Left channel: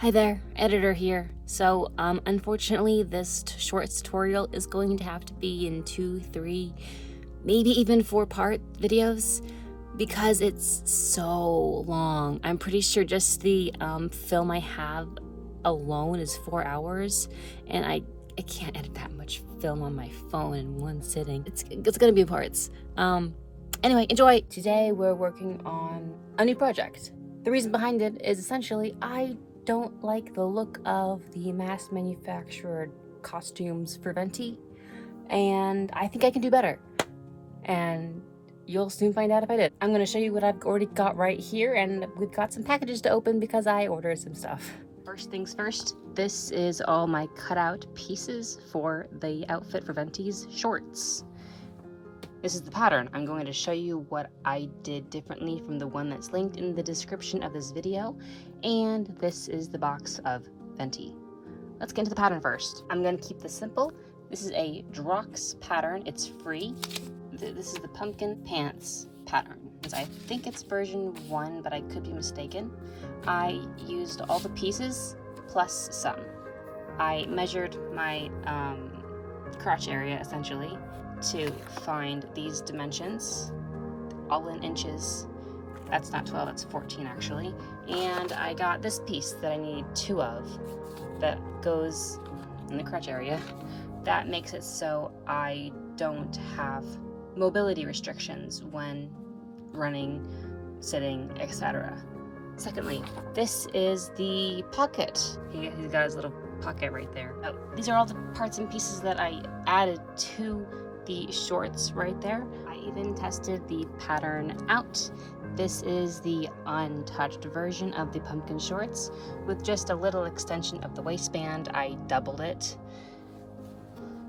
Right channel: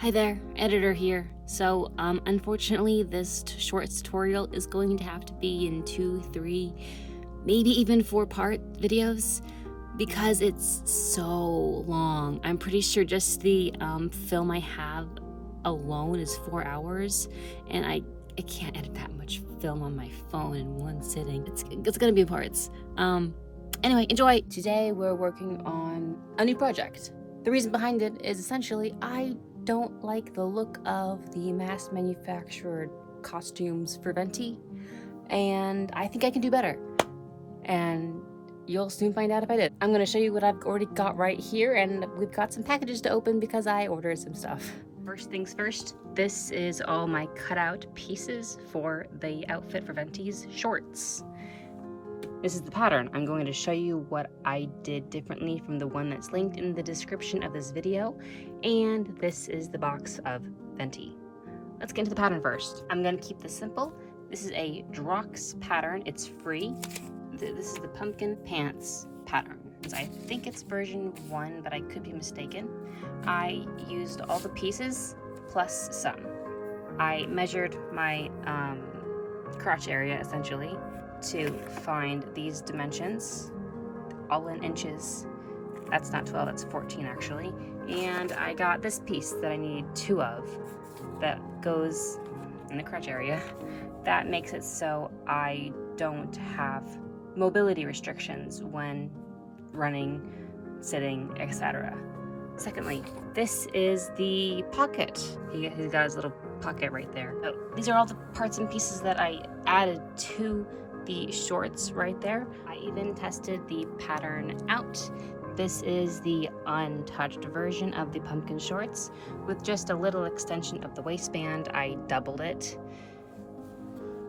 Hi there, editor here. So, unfortunately, this shorts tutorial is going to have to be in 2, 3, maybe even 4-part videos because it's so long. I'm pretty sure just the film I have alone is 4 hours, and I can't edit that much film on my phone in one sitting. It's gonna be in parts. Anyway, enjoy. Today we're working on a new project. The reason behind it is essentially I don't like the look of the mass manufactured costumes for Venti, and I think I can do better. And you'll soon find out if I did. I'm gonna show you what I've already got right here, and we've got some packages to open because I ordered some stuff. First things first, this is all my cutout pieces for the outfit for Venti's shorts. This is the pattern. I'm going to show you what I did differently from the one that's linked in the description of this video, and this is the box of Venti. Let's get into the pattern first. I'm going to keep this simple. This is a Drox pattern. It's free. This is the pumpkin pants pattern. I think it's version 1, but I could be mistaken. I used all the pieces plus some. I measured my crotch area essentially to find these dimensions, all in inches. That's not 12, that's 14 actually. And I got this piece that I need 2 of that goes in the crotch area. That makes it so I don't have mobility restrictions when running, sitting, etc. Secondly, this is the pocket. He's got his little pocket right there. Oh, these are all the parts and pieces that I added to the shorts right there. I even tested the pattern out. This is the untouched version of the pumpkin shorts with just a little extension of the waistband. I doubled it.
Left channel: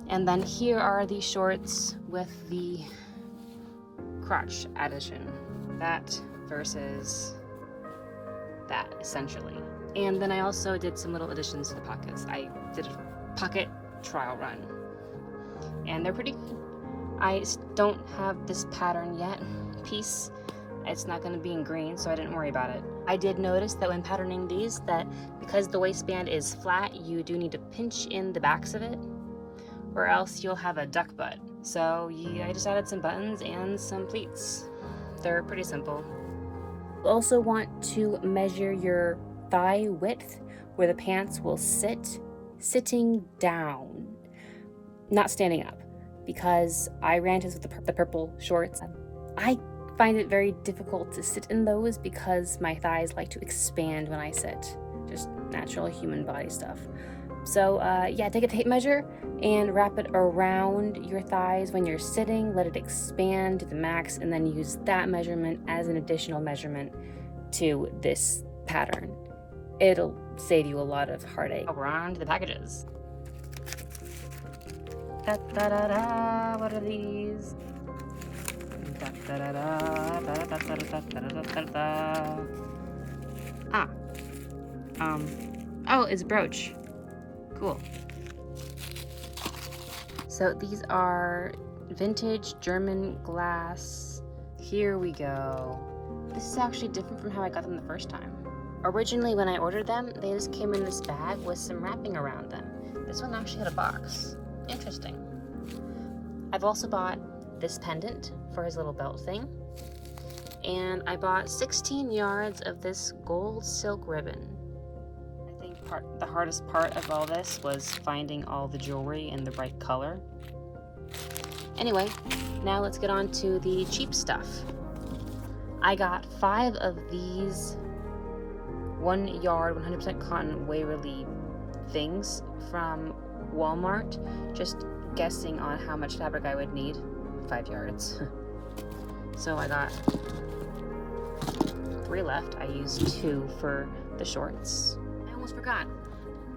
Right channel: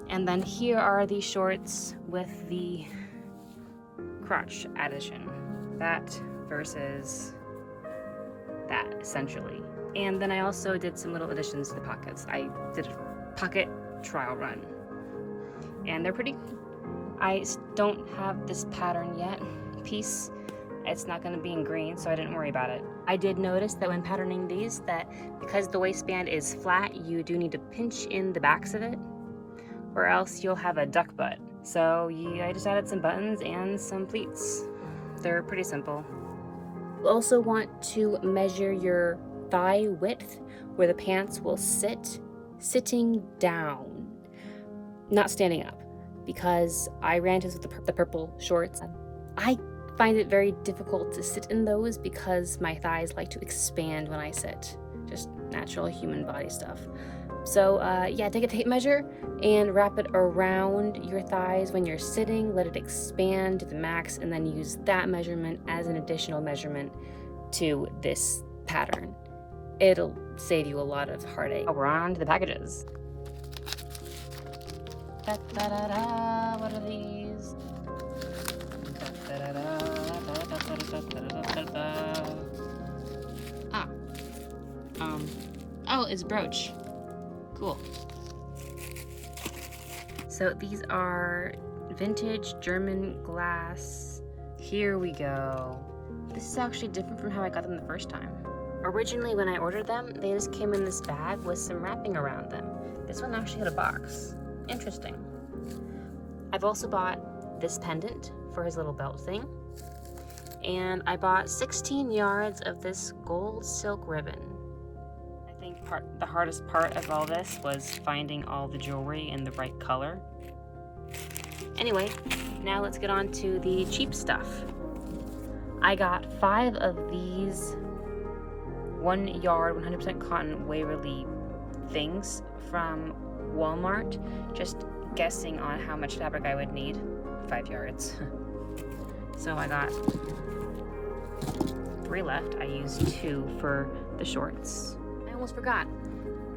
And then here are the shorts with the crotch addition. That versus that, essentially. And then I also did some little additions to the pockets. I did a pocket trial run, and they're pretty good. I don't have this pattern yet piece. It's not going to be in green, so I didn't worry about it. I did notice that when patterning these, that because the waistband is flat, you do need to pinch in the backs of it, or else you'll have a duck butt. So I just added some buttons and some pleats. They're pretty simple. You also want to measure your thigh width where the pants will sit, sitting down, not standing up, because I ran into the purple shorts. I find it very difficult to sit in those because my thighs like to expand when I sit, just natural human body stuff. So yeah, take a tape measure and wrap it around your thighs when you're sitting, let it expand to the max, and then use that measurement as an additional measurement to this pattern. It'll save you a lot of heartache. We're on to the packages. Da, da, da, da. What are these? Da, da, da, da, da, da, da, da, da, da, da. Ah. Oh, it's a brooch. Cool. So these are vintage German glass. Here we go. This is actually different from how I got them the first time. Originally, when I ordered them, they just came in this bag with some wrapping around them. This one actually had a box. Interesting. I've also bought this pendant for his little belt thing. And I bought 16 yards of this gold silk ribbon. I think the hardest part of all this was finding all the jewelry in the right color. Anyway, now let's get on to the cheap stuff. I got 5 of these 1 yard 100% cotton Waverly things from Walmart, just guessing on how much fabric I would need. 5 yards. So I got 3 left. I used 2 for the shorts. I almost forgot.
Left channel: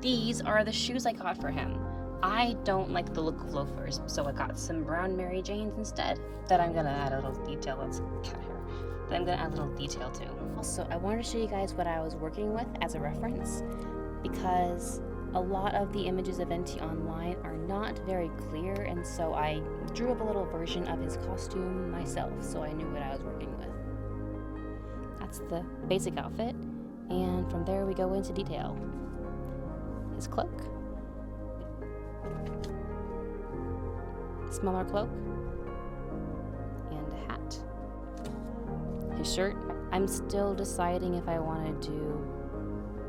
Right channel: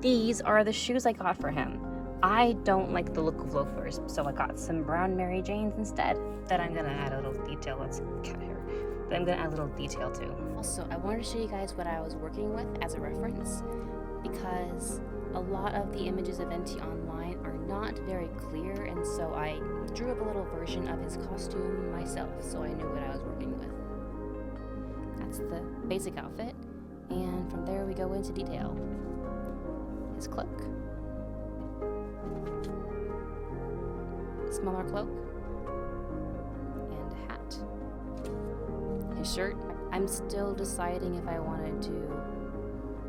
These are the shoes I got for him. I don't like the look of loafers, so I got some brown Mary Janes instead that I'm gonna add a little detail. That's cat hair. That I'm gonna add a little detail to. Also, I wanted to show you guys what I was working with as a reference, because a lot of the images of Venti online are not very clear, and so I drew up a little version of his costume myself, so I knew what I was working with. That's the basic outfit. And from there we go into detail. His cloak, smaller cloak, and a hat. His shirt, I'm still deciding if I want to do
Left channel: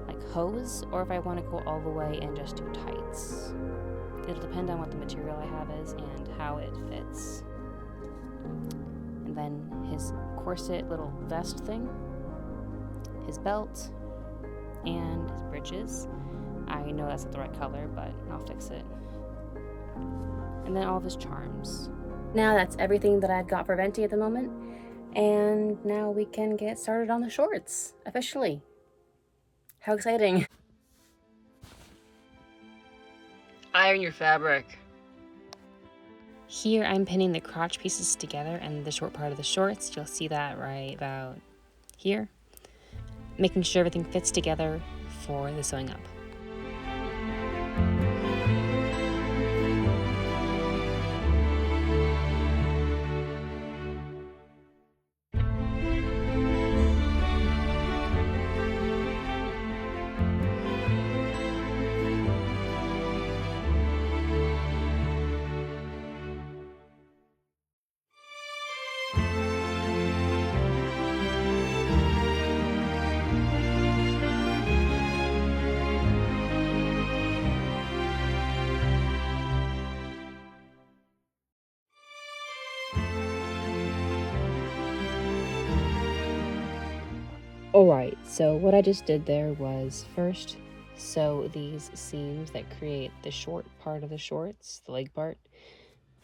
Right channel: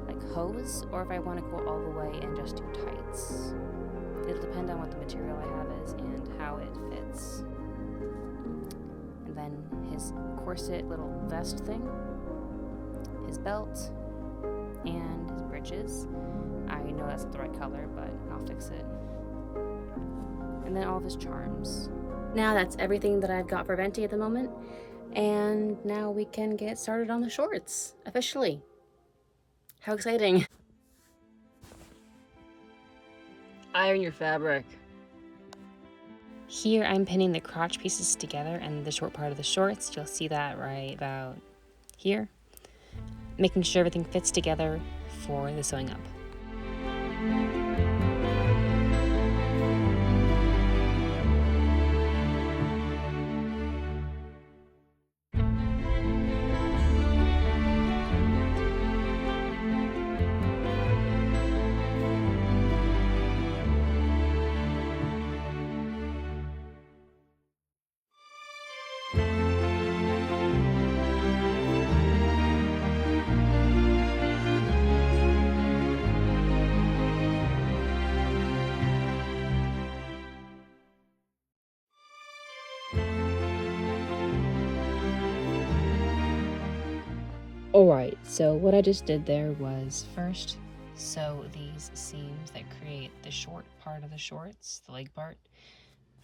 like hose or if I want to go all the way and just do tights. It'll depend on what the material I have is and how it fits. And then his corset little vest thing, his belt, and his breeches. I know that's not the right color, but I'll fix it. And then all of his charms. Now that's everything that I've got for Venti at the moment. And now we can get started on the shorts, officially. How exciting. Iron your fabric. Here I'm pinning the crotch pieces together and the short part of the shorts. You'll see that right about here. Making sure everything fits together for the sewing up. Alright, so what I just did there was first sew these seams that create the short part of the shorts, the leg part,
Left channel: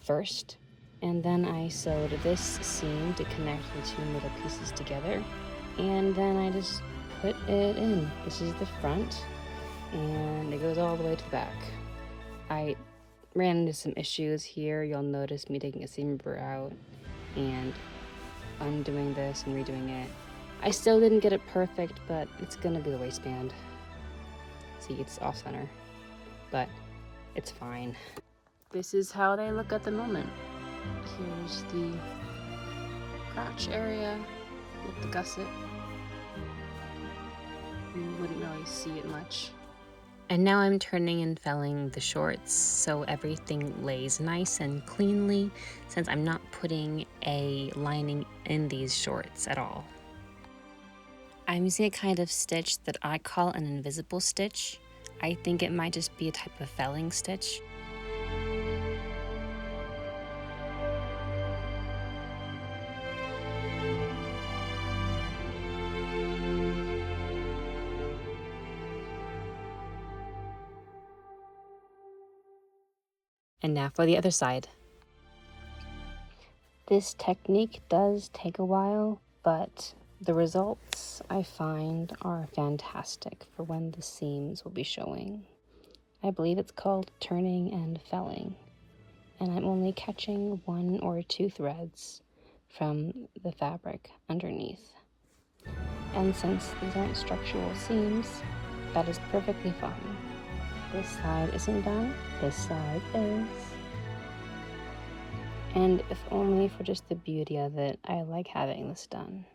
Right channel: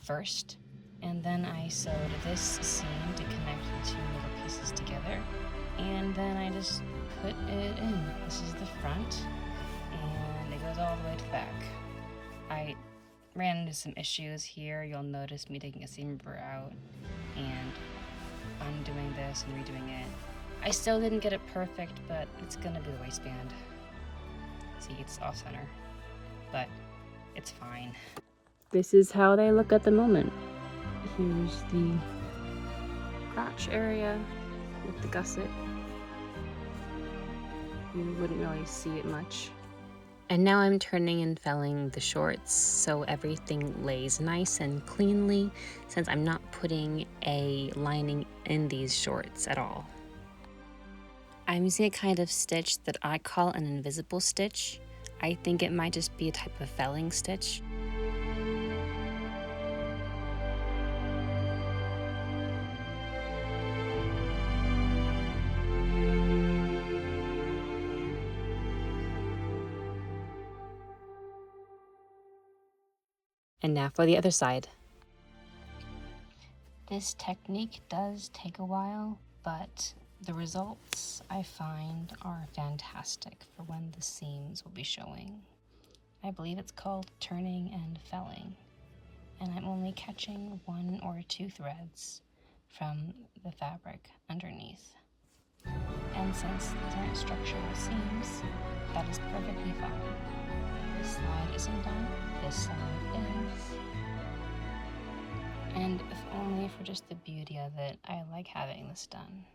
first. And then I sewed this seam to connect the two middle pieces together. And then I just put it in. This is the front, and it goes all the way to the back. I ran into some issues here. You'll notice me taking a seam ripper out and undoing this and redoing it. I still didn't get it perfect, but it's gonna be the waistband. See, it's off center, but it's fine. This is how they look at the moment. Here's the crotch area with the gusset. You wouldn't really see it much. And now I'm turning and felling the shorts so everything lays nice and cleanly, since I'm not putting a lining in these shorts at all. I'm using a kind of stitch that I call an invisible stitch. I think it might just be a type of felling stitch. And now for the other side. This technique does take a while, but the results I find are fantastic for when the seams will be showing. I believe it's called turning and felling, and I'm only catching 1 or 2 threads from the fabric underneath. And since these aren't structural seams, that is perfectly fine. This side isn't done, this side is. And if only for just the beauty of it, I like having this done.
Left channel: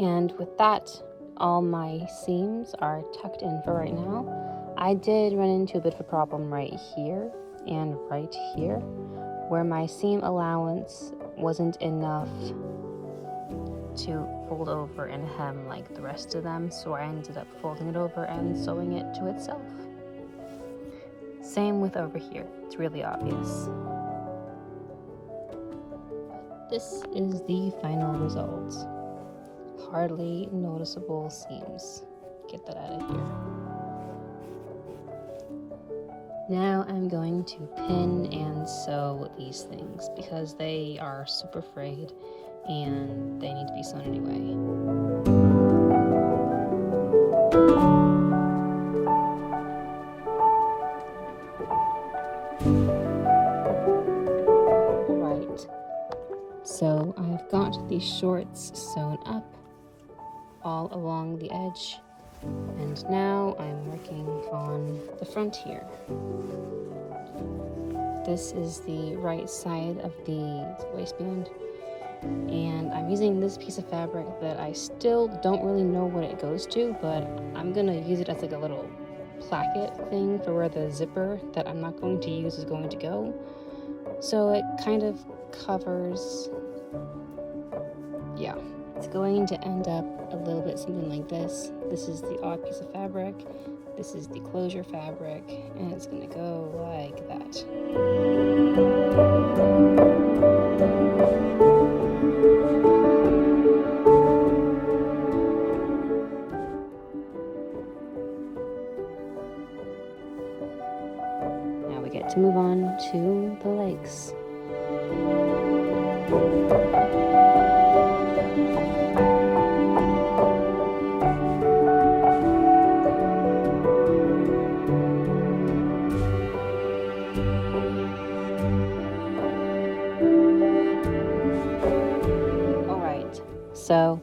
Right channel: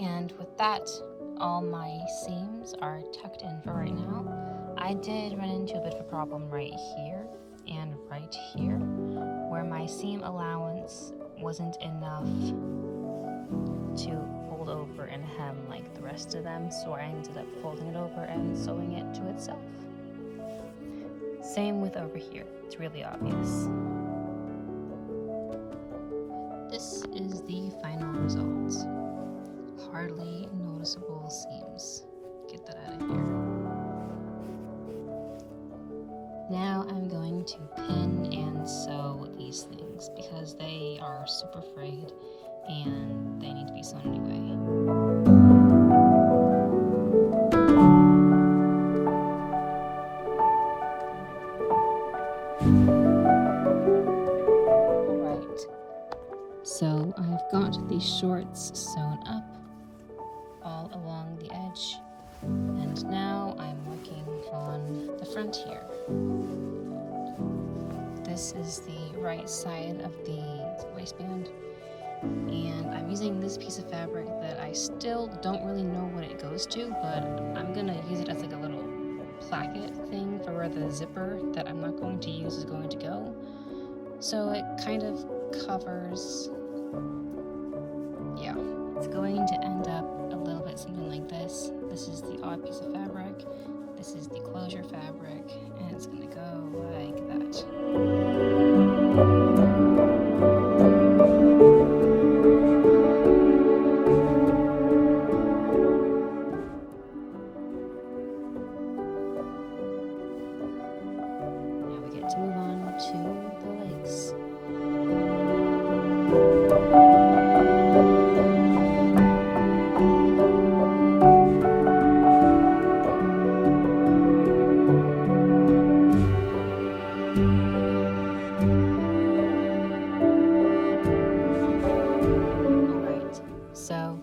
And with that, all my seams are tucked in for right now. I did run into a bit of a problem right here and right here, where my seam allowance wasn't enough to fold over and hem like the rest of them, so I ended up folding it over and sewing it to itself. Same with over here, it's really obvious. This is the final result. Hardly noticeable seams. Get that out of here. Now I'm going to pin and sew these things because they are super frayed and they need to be sewn anyway. So I've got the shorts sewn up all along the edge, and now I'm working on the front here. This is the right side of the waistband, and I'm using this piece of fabric that I still don't really know what it goes to, but I'm gonna use it as like a little placket thing for where the zipper that I'm not going to use is going to go. So it kind of covers, yeah. It's going to end up a little bit something like this. This is the odd piece of fabric, this is the closure fabric, and it's gonna go like that. Now we get to move on to the legs. So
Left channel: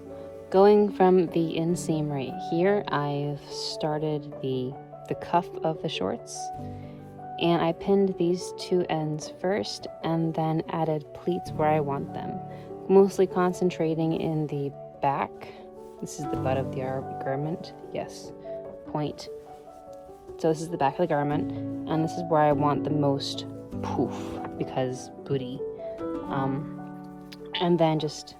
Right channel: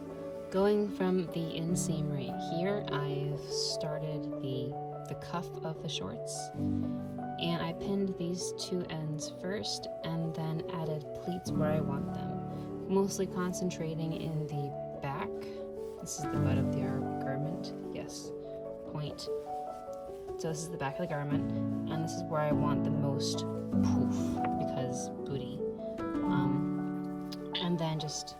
going from the inseam right here, I've started the cuff of the shorts, and I pinned these two ends first and then added pleats where I want them, mostly concentrating in the back. This is the butt of the garment, yes, point. So this is the back of the garment, and this is where I want the most poof, because booty. And then just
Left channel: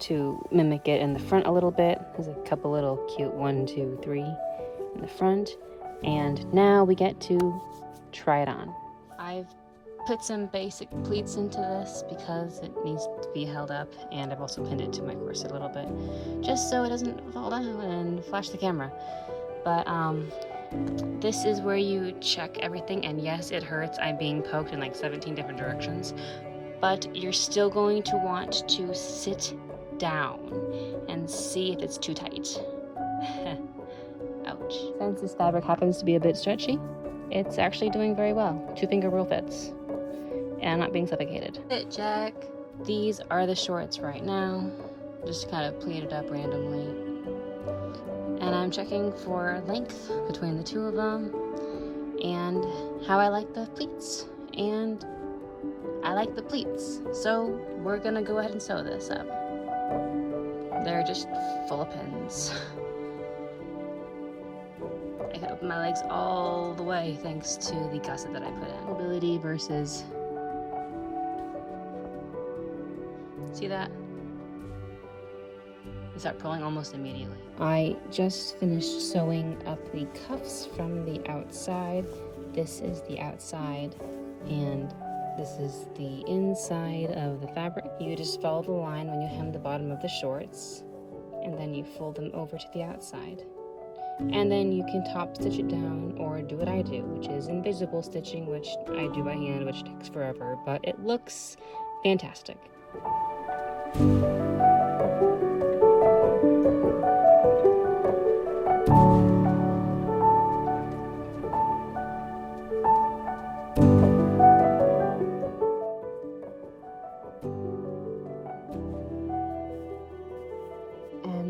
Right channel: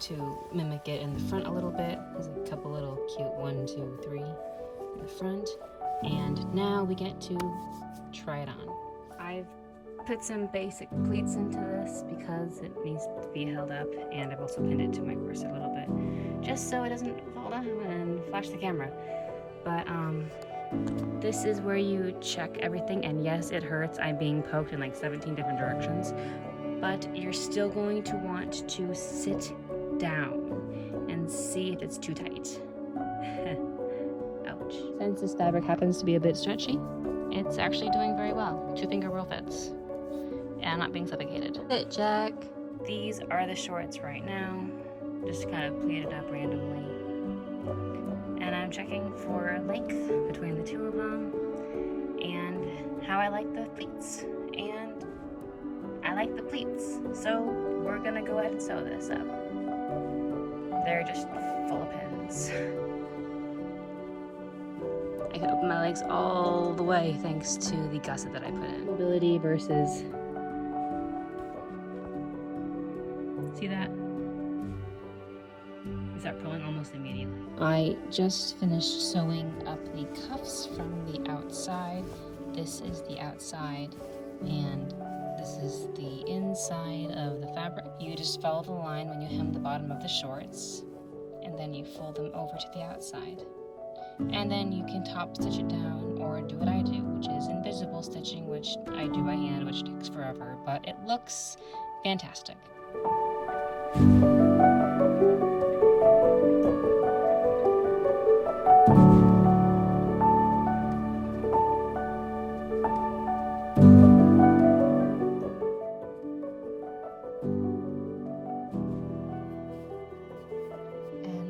to mimic it in the front a little bit. There's a couple little cute 1, 2, 3 in the front. And now we get to try it on. I've put some basic pleats into this because it needs to be held up, and I've also pinned it to my corset a little bit, just so it doesn't fall down and flash the camera. But this is where you check everything, and yes, it hurts. I'm being poked in like 17 different directions, but you're still going to want to sit down and see if it's too tight. Ouch. Since this fabric happens to be a bit stretchy, it's actually doing very well. 2-finger rule fits. And I'm not being suffocated. Fit check. These are the shorts right now. Just kind of pleated up randomly. And I'm checking for length between the two of them and how I like the pleats. And I like the pleats. So we're gonna go ahead and sew this up. They're just full of pins. I can open my legs all the way thanks to the gusset that I put in. Mobility versus... See that? You start pulling almost immediately. I just finished sewing up the cuffs from the outside. This is the outside, and this is the inside of the fabric. You just follow the line when you hem the bottom of the shorts, and then you fold them over to the outside. And then you can top stitch it down, or do what I do, which is invisible stitching, which I do by hand, which takes forever, but it looks fantastic.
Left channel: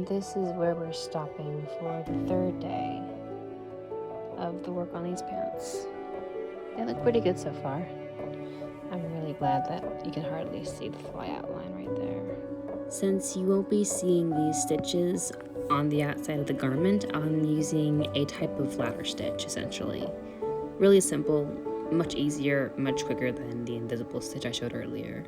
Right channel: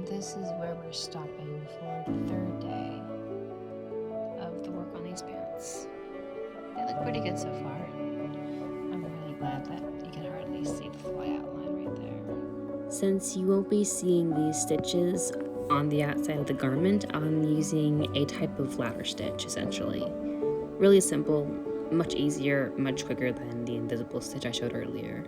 This is where we're stopping for the third day of the work on these pants. They look pretty good so far. I'm really glad that you can hardly see the fly outline right there. Since you won't be seeing these stitches on the outside of the garment, I'm using a type of ladder stitch, essentially. Really simple, much easier, much quicker than the invisible stitch I showed earlier.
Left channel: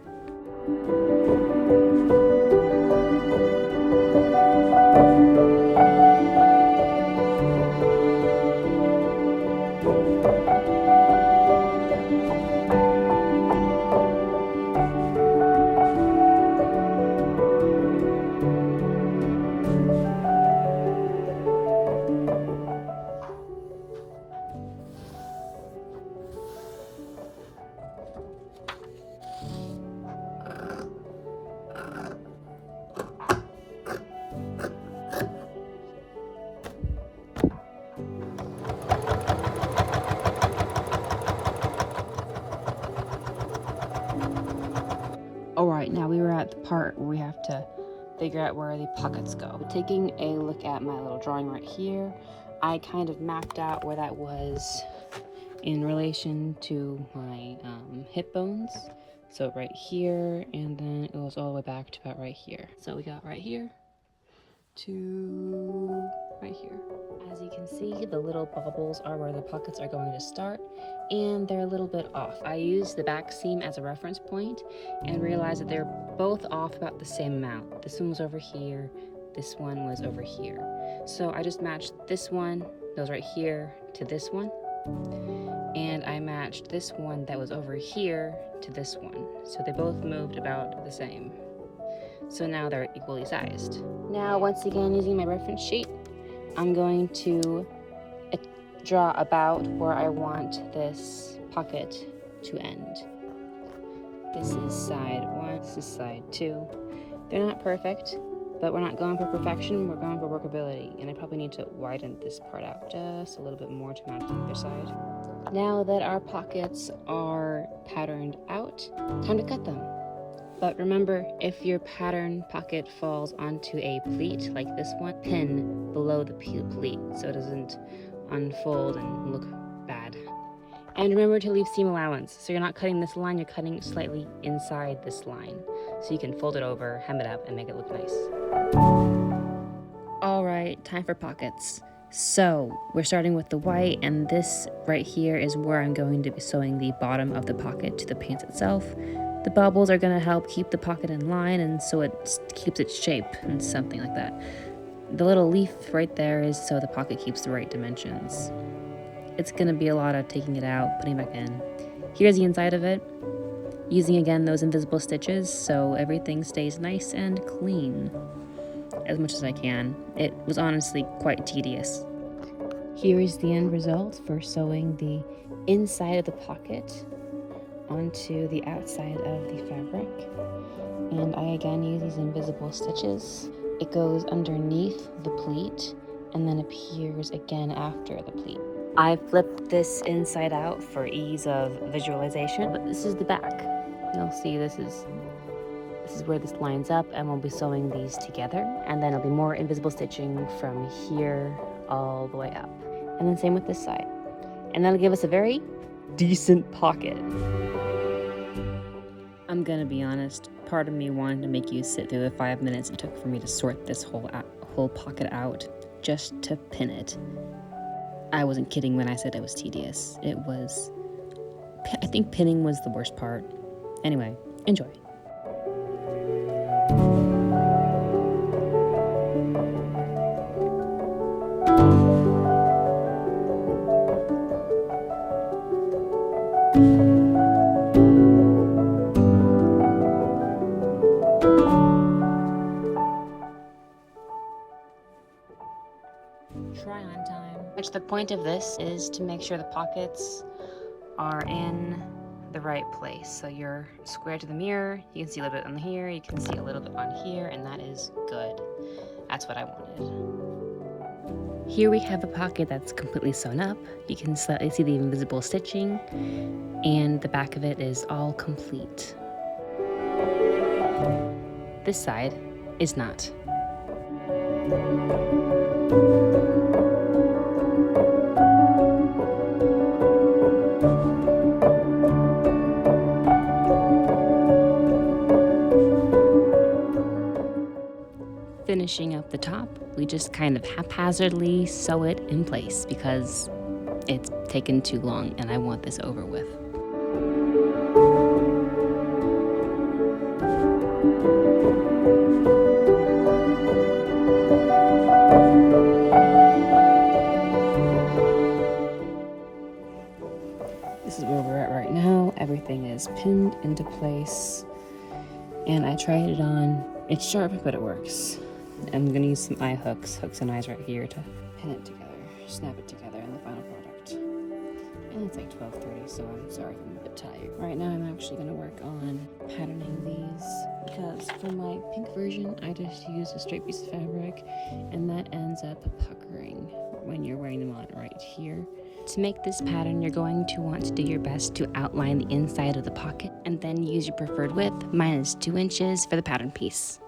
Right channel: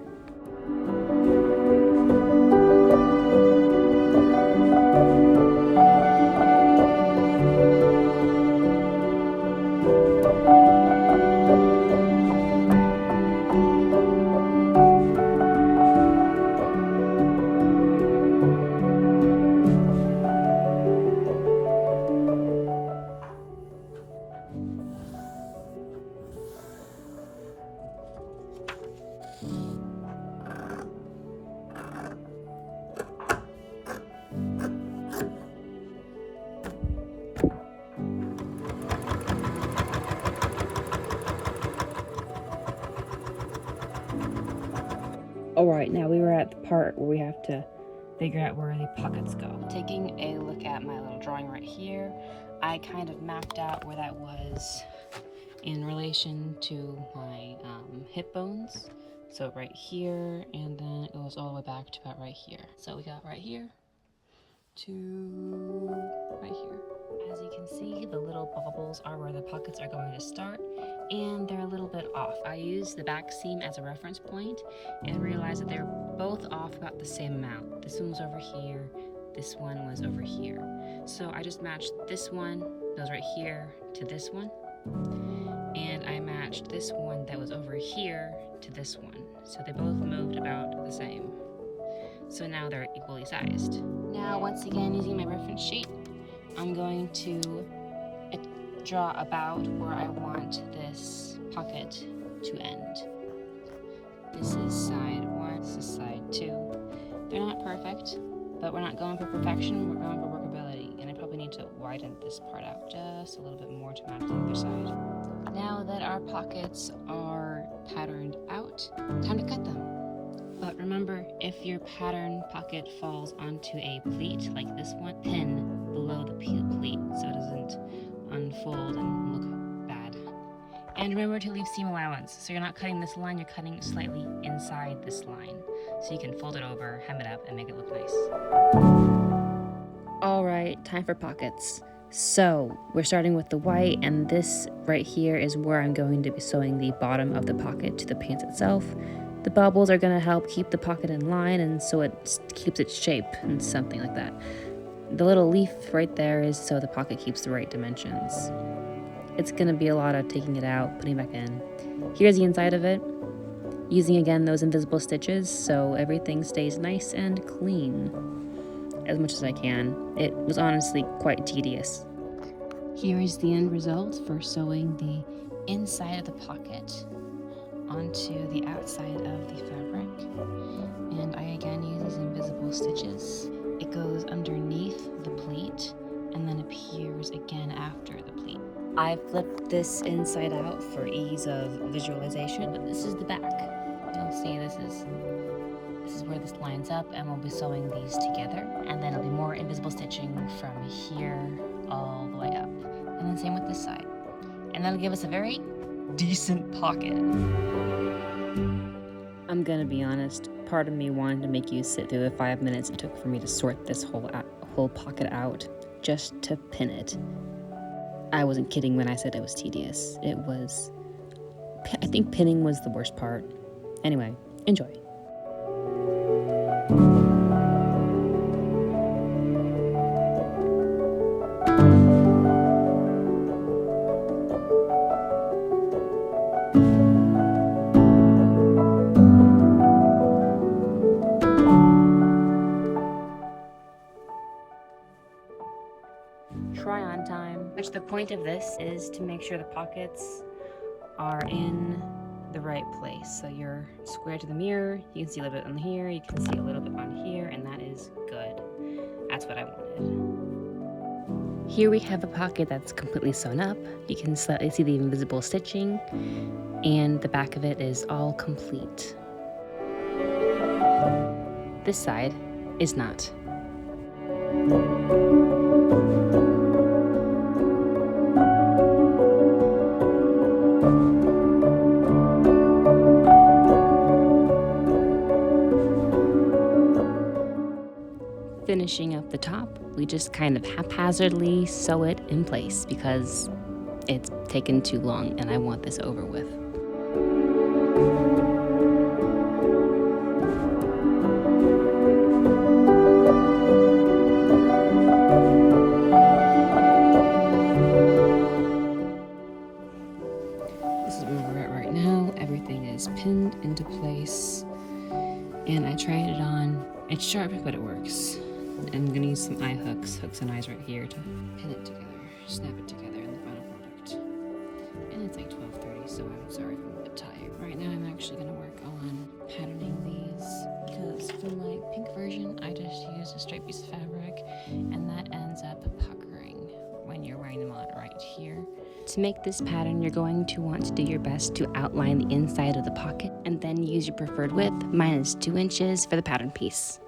Alright, now we were at the part where we have to figure out where the pockets go. Taking a look at my little drawing right here, I kind of mapped out where that was in relation to my hip bones. So right here, and then it goes all the way back to about right here. So we got right here to right here. As you can see, the little bubbles are where the pockets are going to start, and they're a little bit off. I used the back seam as a reference point and realized that they're both off about the same amount. This one was over here, this one was over here. So I just matched this one that was right here to this one, and I matched this one that was over here to this one. So they both moved about the same. So now they're equally sized. Now, once again, using my reference sheet, I'm going to draw about where I want this pocket to end. This is side 1, this is side 2. They're not perfect, but we're not going for perfection, we're going for workability. And I probably need to widen this part out just a little bit more to match the other side. Now that our pockets are patterned out, time to cut them. But remember, if your pattern pocket falls onto a pleat like this one, pin below the pleat so it doesn't unfold and look bad. And remember to leave seam allowance. So you're not cutting this line, you're cutting slightly inside this line. So you can fold it over, hem it up, and make it look nice. All right, time for pockets. So we're starting with the white, and this right here is where I'm going to be sewing the bottom of the pocket to the pants itself. The bubbles are going to help keep the pocket in line, and so it keeps its shape and something like that. The little leaf right there is so the pocket keeps the right dimensions. It's going to be a lot of taking it out, putting it back in. Here's the inside of it, using again those invisible stitches so everything stays nice and clean as much as I can. It was honestly quite tedious. Here is the end result for sewing the inside of the pocket onto the outside of the fabric, and I again use these invisible stitches. It goes underneath the pleat and then appears again after the pleat. I flipped this inside out for ease of visualization, but this is the back. You'll see this is where this lines up, and we'll be sewing these together, and then there'll be more invisible stitching from here all the way up, and then same with this side, and that'll give us a very decent pocket. I'm gonna be honest, part of me wanted to make you sit through the 5 minutes it took for me to sort this whole pocket out just to pin it. I wasn't kidding when I said it was tedious. It was, I think pinning was the worst part. Anyway, enjoy. Try on time. Which the point of this is to make sure the pockets are in the right place. So you're square to the mirror, you can see a little bit on here, you can see a little bit on here, and that is good. That's what I wanted. Here we have a pocket that's completely sewn up. You can slightly see the invisible stitching, and the back of it is all complete. This side is not. Finishing up the top, we just kind of haphazardly sew it in place because it's taken too long and I want this over with. This is where we're at right now. Everything is pinned into place, and I tried it on. It's sharp, but it works. I'm gonna use some eye hooks and eyes right here to pin it together, snap it together in the final product. And it's like 12:30, so I'm sorry if I'm a bit tired. Right now I'm actually gonna work on patterning these, because for my pink version, I just used a straight piece of fabric, and that ends up puckering when you're wearing them on right here. To make this pattern, you're going to want to do your best to outline the inside of the pocket and then use your preferred width. Mine is 2 inches for the pattern piece.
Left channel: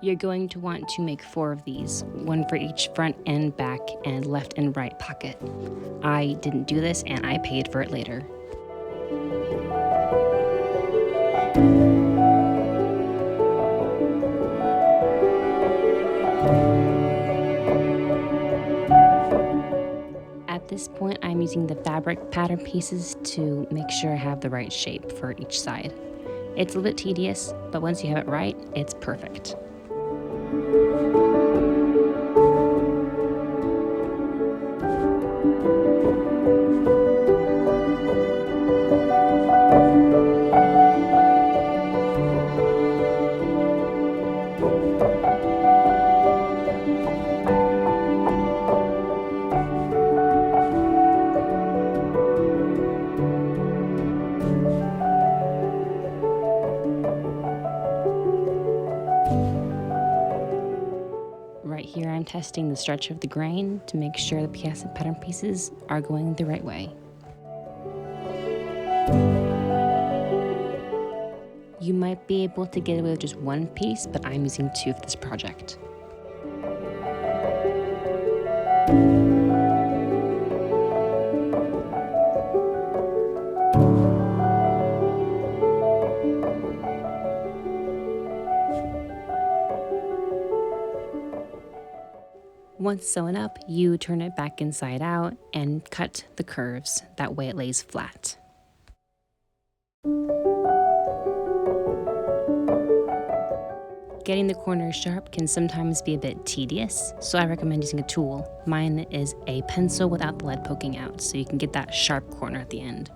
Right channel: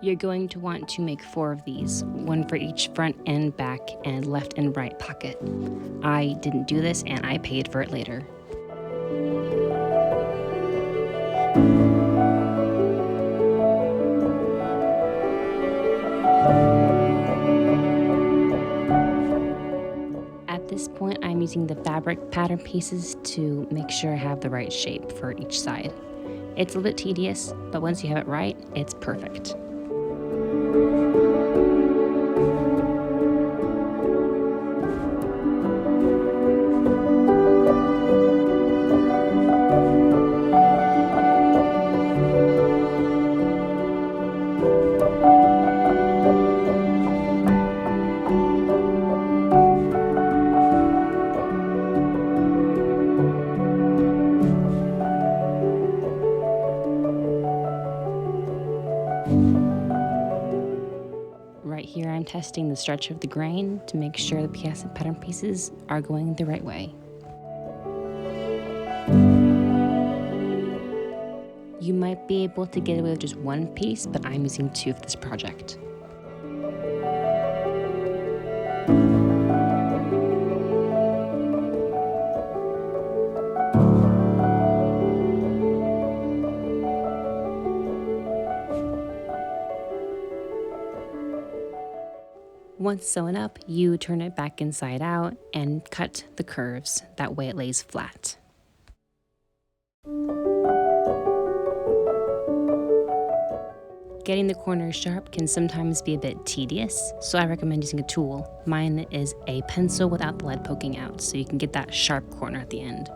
You're going to want to make 4 of these, one for each front and back and left and right pocket. I didn't do this and I paid for it later. At this point, I'm using the fabric pattern pieces to make sure I have the right shape for each side. It's a little bit tedious, but once you have it right, it's perfect. Right here, I'm testing the stretch of the grain to make sure the pattern pieces are going the right way. You might be able to get away with just 1 piece, but I'm using 2 for this project. Once sewn up, you turn it back inside out and cut the curves. That way it lays flat. Getting the corners sharp can sometimes be a bit tedious, so I recommend using a tool. Mine is a pencil without the lead poking out, so you can get that sharp corner at the end.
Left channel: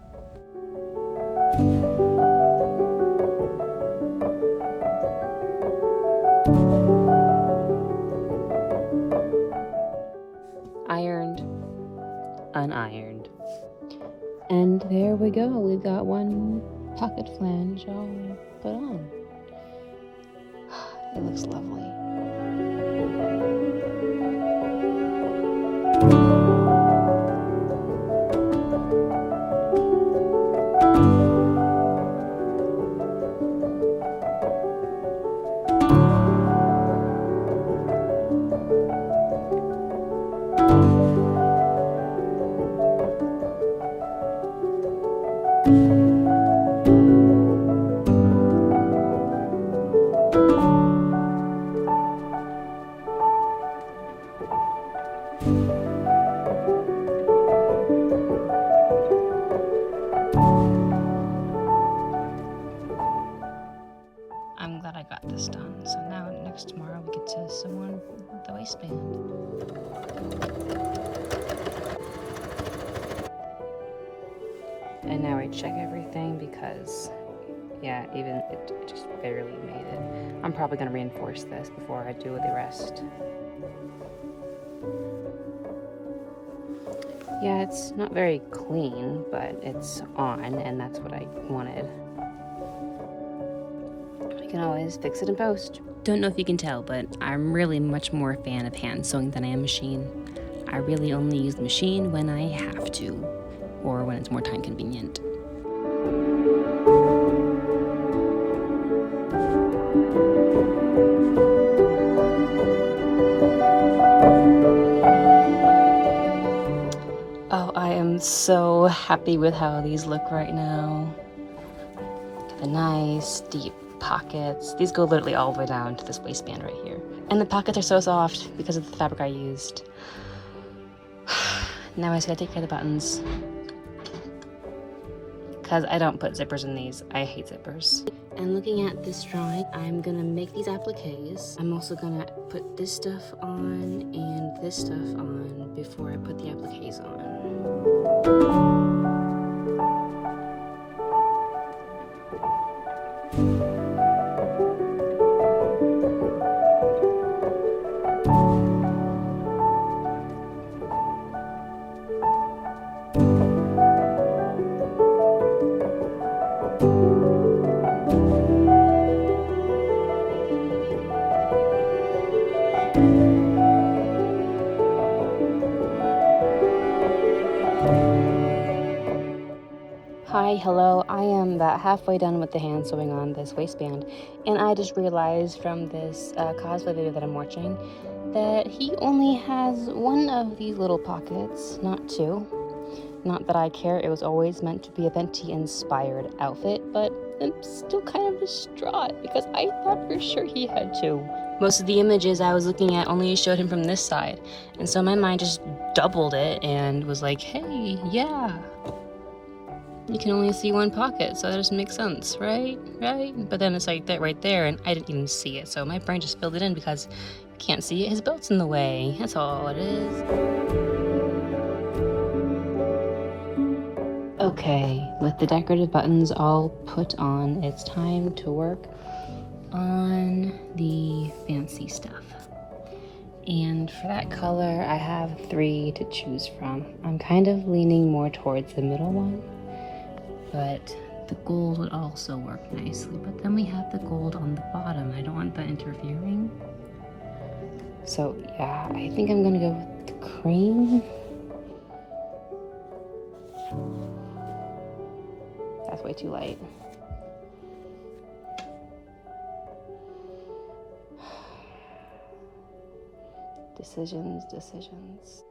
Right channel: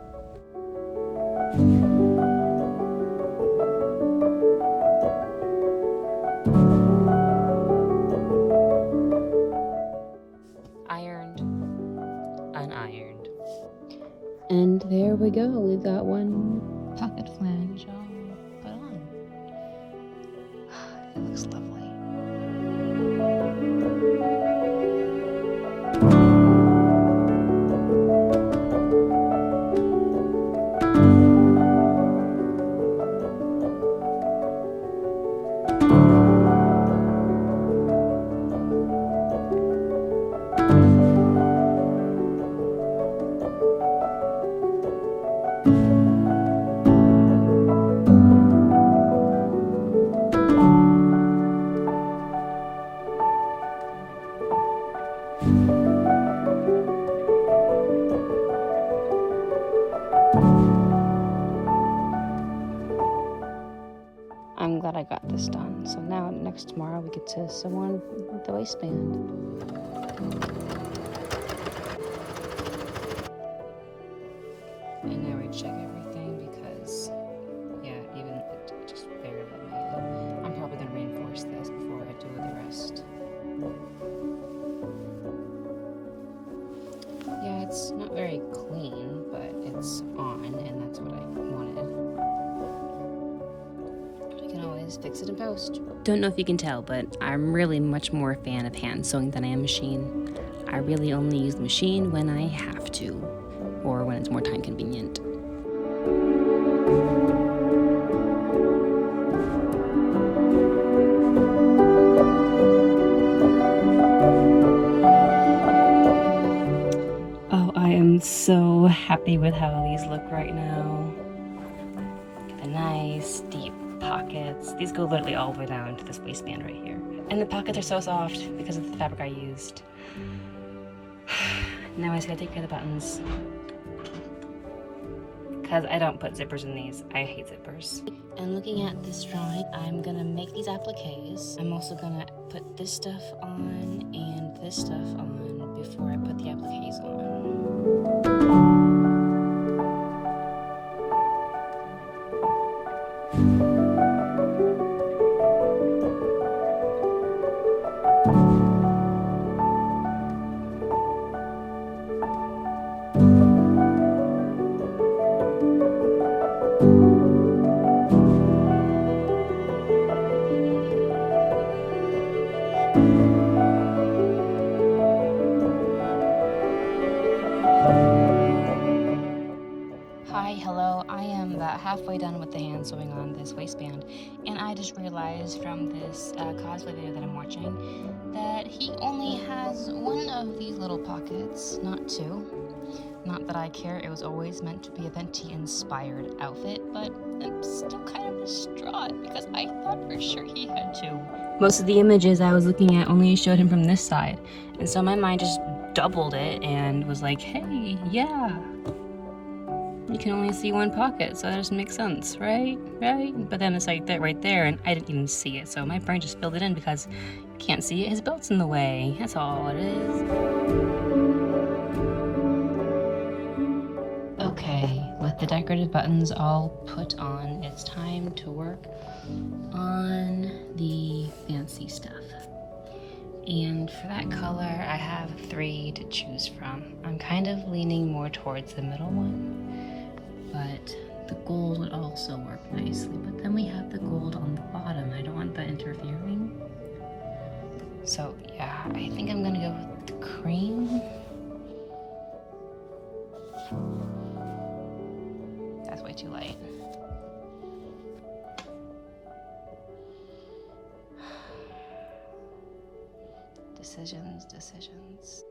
Unironed. And there we go. We've got 1 pocket flange all put on. It looks lovely. I'm glad I got this done. So now tomorrow we get to sew on the waistband. And now I check everything because, yeah, even it just barely made it. I'm probably gonna reinforce this before I do the rest. Yeah, it's not very clean, but it's on, and that's what I wanted. You can always fix it in post. Don't know if you can tell, but I'm really much more a fan of hand sewing than I am machine. I really only use the machine when I have to, or when it's more time convenient. Oh, I am so happy with how these look right now. The nice, deep pockets. These go literally all the way down to this waistband right here. And the pockets are so soft because of the fabric I used. Now I just gotta take care of the buttons. Because I don't put zippers in these. I hate zippers. And looking at this drawing, I'm gonna make these appliques. I'm also gonna put this stuff on and this stuff on before I put the appliques on. Hi, hello. I am about halfway done with the hand sewing on this waistband, and I just realized from this cosplay video that I'm watching that he only has one of these little pockets, not two. Not that I care, it was always meant to be a Venti inspired outfit, but I'm still kind of distraught because I thought for sure he had two. Most of the images I was looking at only showed him from this side, and so my mind just doubled it and was like, hey, yeah. You can only see one pocket, so that doesn't make sense, right? Right? But then it's like that right there, and I didn't even see it, so my brain just filled it in because you can't see it. His belt's in the way. That's all it is. Okay, with the decorative buttons all put on, it's time to work on the fancy stuff. And for that color, I have 3 to choose from. I'm kind of leaning more towards the middle one, but the gold would also work nicely. But then we have the gold on the bottom. I don't want that interfering. So yeah, I think I'm gonna go with the cream. That's way too light. Decisions.